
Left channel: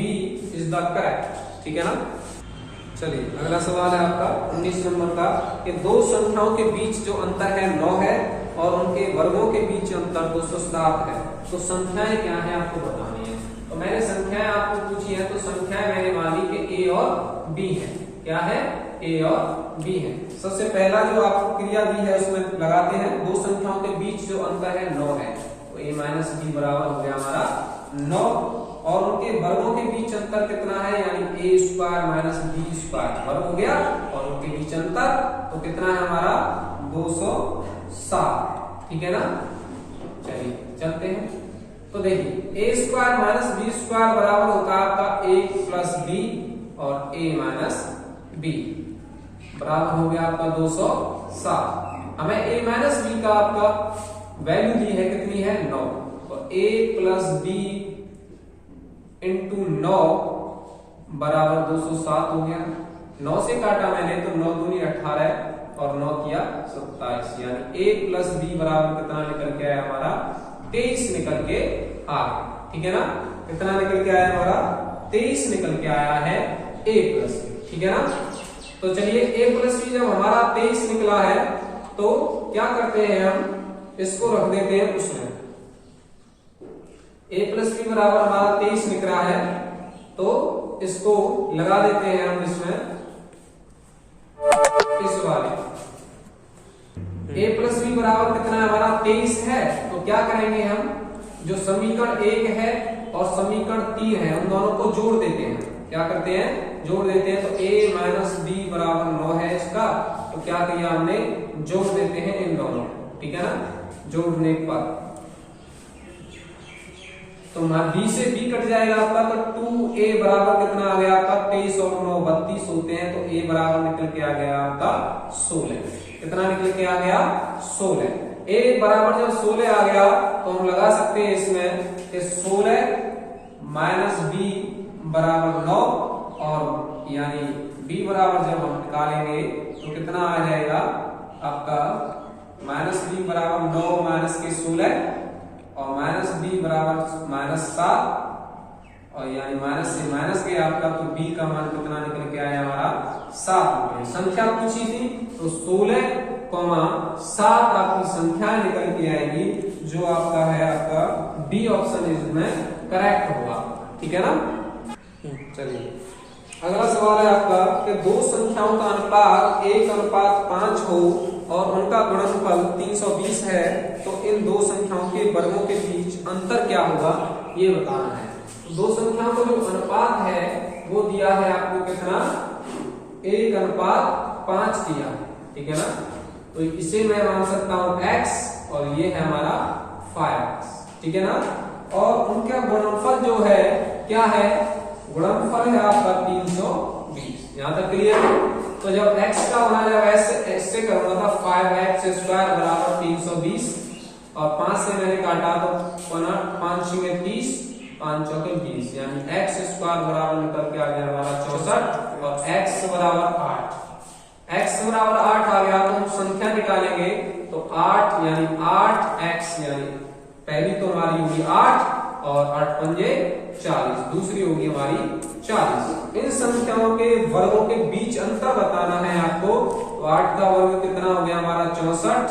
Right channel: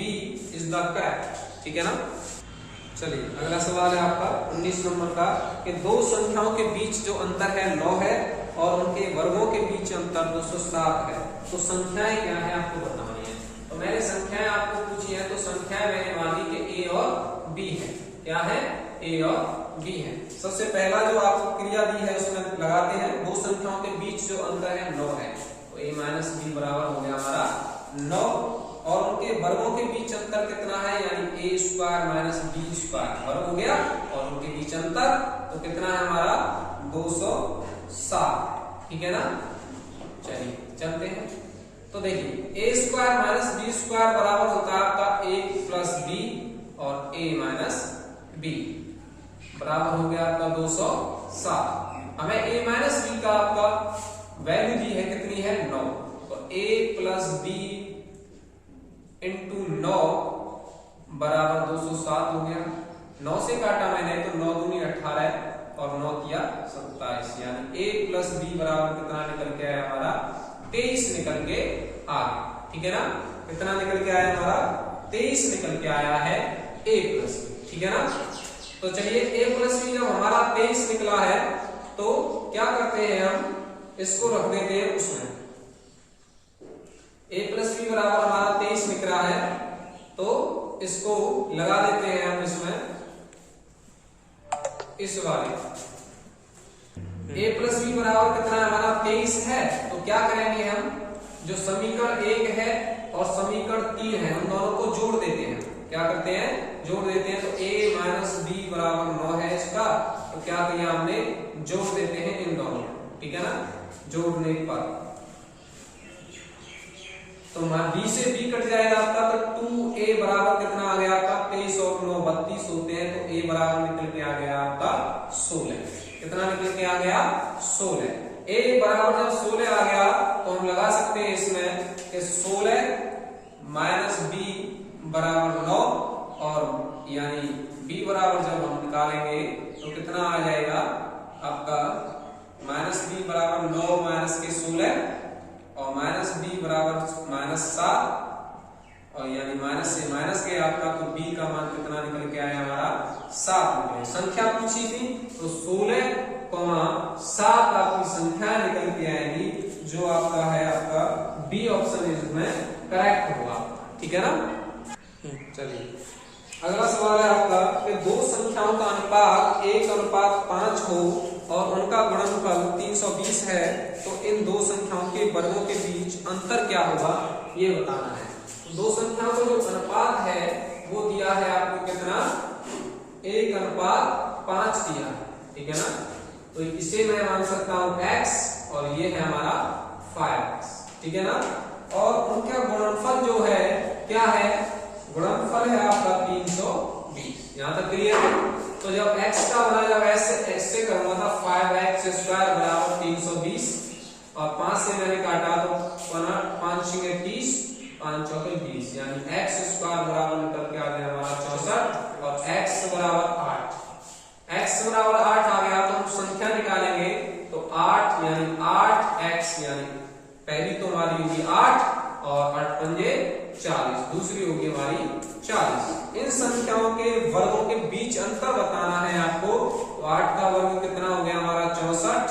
B is the correct. ठीक है ना। चलिए अगला सवाल है आपका 19 नंबर का कि दो संख्याओं के बीच जो अंतर है 9 है और उनके वर्गों के बीच अंतर 207 है। तो संख्याएं क्या है आपको बतानी है। तो मैंने संख्याएं आपको पूछी है तो संख्याएं मैंने मानी कि ए और बी है। क्या है ए और बी है। सबसे पहला जो आपको क्रिया दी है उसमें लगाते हैं दो संख्याओं के बीच जो अंतर है 9 है तो ए माइनस बी बराबर हो गया हमारा 9 और उनके वर्गों के बीच अंतर कितना है यानी ए स्क्वायर माइनस बी स्क्वायर वर्ग हो गया और उनके बीच अंतर तो कितना है हमारा 207। ठीक है ना। चलिए चलते हैं। तो देखिए ए स्क्वायर माइनस बी स्क्वायर बराबर होता है आपका ए प्लस बी और ए माइनस बी बराबर हो गया आपका 207। हमें ए माइनस बी का आपका वैल्यू दी है कितनी है 9 तो ए प्लस बी इंटू 9 बराबर 207 हो गया। 9 से काटा मैंने तो 9 दूनी 18 और 9 किया 27 यानी a प्लस बी बराबर कितना निकल के आया हमारा 23 निकल के आ गया। ठीक है ना। कितना निकल के आया हमारा 23 निकल के आया है a प्लस बी। ठीक है ना। तो चलिए a प्लस बी जब हमारा 23 निकला है तो क्या करते हैं हम इसको रख देते हैं उसमें a प्लस बी बराबर हमारा 23 निकल रहा है तो इसको लगा देते हैं हम इसमें इस वाले a प्लस बी बराबर कितना है हमारा 23 है। तो क्या करेंगे हम जो समीकरण 1 है और समीकरण 3 है उन दोनों को जोड़ देते हैं। क्या करते हैं जोड़ देते हैं। तो a माइनस बी बराबर 9 है इसका तो क्या किया हमने जोड़ देते हैं इन दोनों। ठीक है ना। जोड़ने पर तो b से b कट जाएगा आपका तो 2a बराबर कितना आ गया आपका 23 और 9 32 होते हैं तो a बराबर निकल के आ गया आपका 16। कितना निकल के आ गया 16। a बराबर जब 16 आ गया तो हम लगा सकते हैं इसमें कि 16 माइनस b बराबर 9 और यानी b बराबर जब हम निकालेंगे तो कितना आ जाएगा आपका माइनस b बराबर 9 माइनस के 16 और माइनस बी बराबर माइनस 7 और यानी माइनस से माइनस पे आपका तो b का मान कितना निकल के आया हमारा 7। संख्या पूछी थी तो 16,7 आपकी संख्या निकल के आएगी जो आपका है आपका बी ऑप्शन इसमें करेक्ट होगा। ठीक है ना। चलिए अगला सवाल है आपका कि दो संख्याओं का अनुपात 1:5 हो और उनका गुणनफल 320 है तो इन दो संख्याओं के वर्गों के बीच अंतर क्या होगा ये बताना है। तो दो संख्याओं का जो अनुपात है वो दिया है आपको कितना 1:5 दिया। ठीक है ना। तो इसे मैं मान सकता हूं x और ये है हमारा 5x। ठीक है ना। और उनका गुणनफल जो है क्या है गुणनफल है आपका 320। यहां तक क्लियर। तो जब x का बना जब ऐसे करना था 5x स्क्वायर बराबर 320 और 5 से मैंने काटा तो 5 6 30 5 चौके 20 यानी x स्क्वायर बराबर निकल के आ गया हमारा 64 और x बराबर 8। x बराबर 8 आ गया तो हम संख्या निकालेंगे तो 8 यानी 8x यानी पहली तो हमारी होगी 8 और 8 पंजे 40 दूसरी होगी हमारी 40। इन संख्याओं के वर्गों के बीच अंतर बताना है आपको। तो 8 का वर्ग कितना हो गया हमारा 64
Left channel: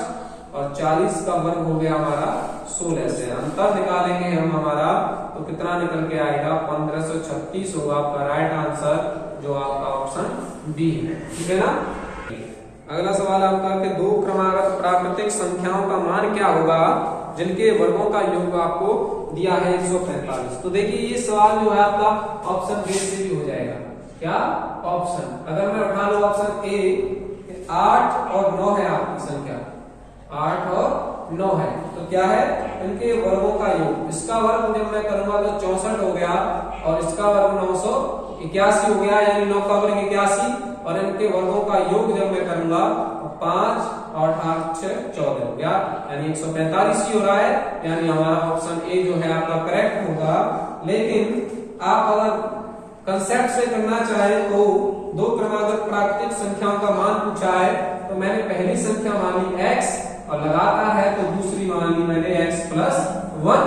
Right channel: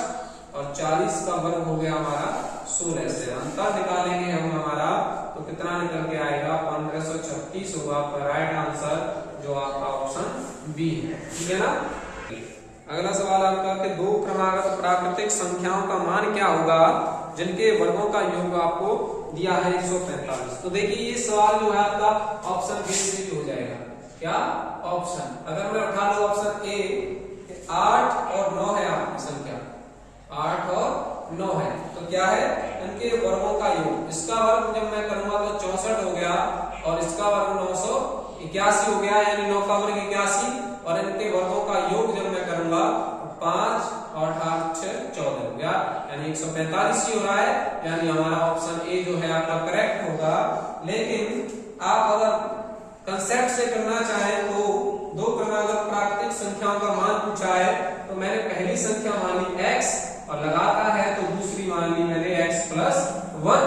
और 40 का वर्ग हो गया हमारा 16 से अंतर निकालेंगे हम हमारा तो कितना निकल के आएगा 1536 होगा आपका राइट आंसर जो आपका ऑप्शन बी है। ठीक है ना। अगला सवाल आपका कि दो क्रमागत प्राकृतिक संख्याओं का मान क्या होगा जिनके वर्गों का योग आपको दिया है 145। तो देखिए ये सवाल जो है आपका ऑप्शन बी से भी हो जाएगा। क्या ऑप्शन अगर मैं उठा लूं ऑप्शन ए 8 और 9 है आपकी संख्या 8 और 9 है। तो क्या है, इनके वर्गों का योग, इसका वर्ग जब मैं करूंगा तो 64 हो गया और इसका वर्ग 981 हो गया, यानी 9 का वर्ग 81, और इनके वर्गों का योग जब मैं करूंगा 5 और 8 6 14 हो गया, यानी 145 ही हो रहा है, यानी हमारा ऑप्शन ए जो है आपका करेक्ट होगा। लेकिन आप अगर कंसेप्ट से करना चाहें तो दो क्रमागत प्राकृतिक संख्याओं का मान पूछा है, तो मैंने पहली संख्या मान ली x और लगाता है तो दूसरी मान ली मैंने x प्लस 1,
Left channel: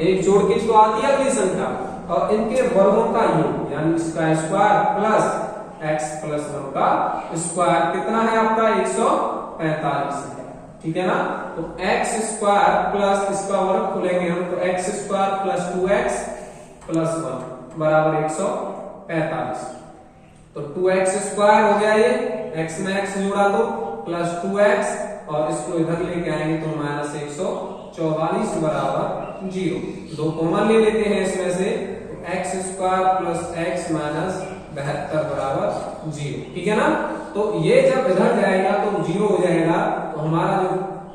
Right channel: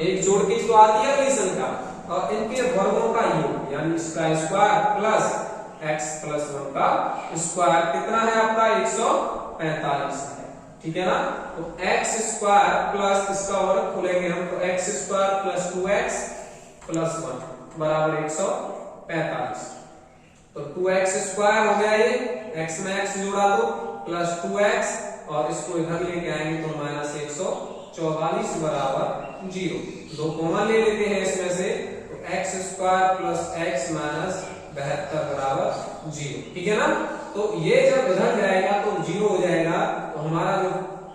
एक जोड़ के तो आती है अगली संख्या, और इनके वर्गों का योग यानी इसका स्क्वायर प्लस x प्लस 1 का स्क्वायर कितना है आपका 145 है, ठीक है ना। तो x स्क्वायर प्लस इसका वर्ग खोलेंगे हम, तो x square plus 2x plus 1 बराबर 145। तो 2x स्क्वायर हो गया, ये x में x जोड़ा दो प्लस 2x और इसको इधर लेके आएंगे तो माइनस 144 बराबर 0। दो कॉमन ले लेते हैं इसमें से, तो x square plus x minus 72 बराबर 0, ठीक है ना। तो ये जब इधर जाएगा तो 0 हो जाएगा, तो हमारा जो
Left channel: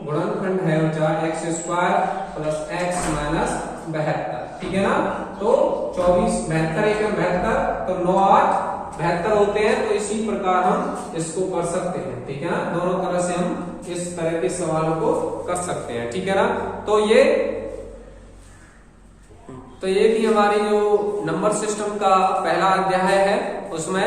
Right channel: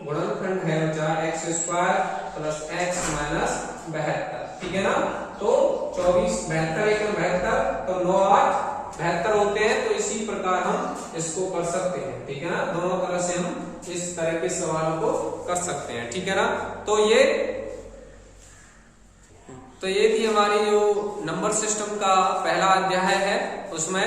गुणनखंड है वो x square plus x minus 72, ठीक है ना। तो 24 72 एक 72, तो 9 8 72 होते हैं, तो इसी प्रकार हम इसको कर सकते हैं, ठीक है ना। दोनों तरह से हम इस तरह के सवालों को कर सकते हैं, ठीक है ना। तो ये भी हमारी जो नंबर सिस्टम का पहला अध्याय है, उसमें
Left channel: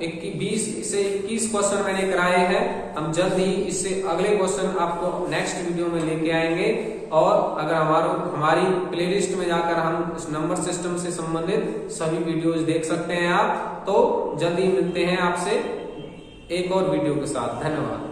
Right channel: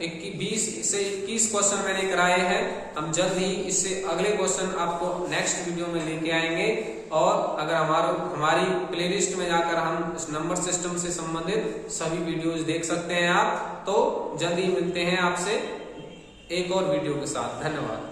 20 से 21 क्वेश्चन मैंने कराए हैं। हम जल्द ही इससे अगले क्वेश्चन आपको नेक्स्ट वीडियो में लेके आएंगे, और अगर हमारी प्लेलिस्ट में जाकर हम इस नंबर सिस्टम से संबंधित सभी वीडियोज देख सकते हैं आप। तो जल्दी मिलते हैं आपसे एक और वीडियो के साथ। धन्यवाद।